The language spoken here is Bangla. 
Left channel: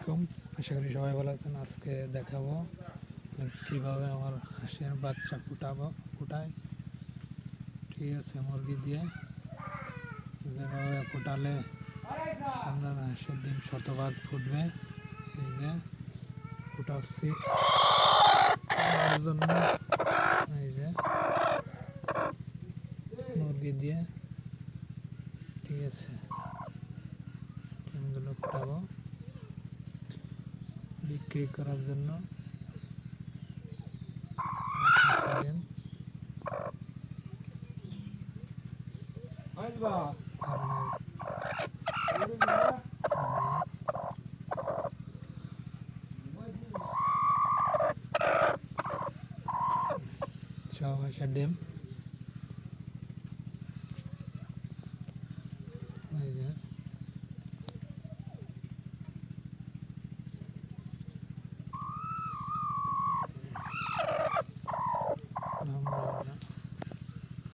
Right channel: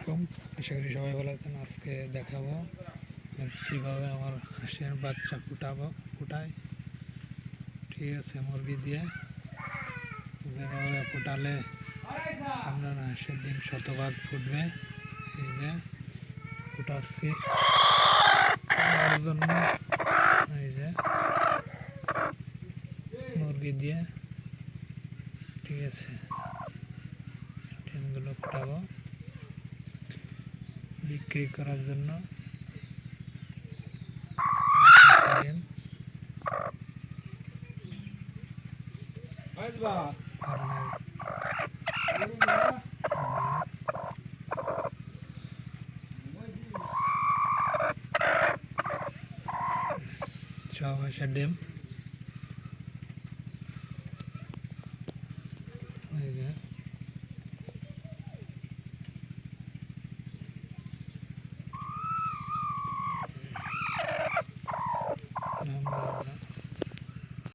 আলাইকুম, আশা করি সবাই ভালো আছেন। আজকে দেখাবো কীভাবে আমার হাঁসের বাচ্চা ফুটায়। ঠিক আছে, মুরগি দিয়ে যেভাবে ফুটালে আপনার হাঁসের ডিম শতভাগ ফুটবে। এই যে ফুটাচ্ছি তার জন্য, এই যে মুরগি দিয়ে, ঠিক আছে, ডিমগুলো ফুটাবো বিক্রি করার জন্য। ডিম সব হাঁসের ডিম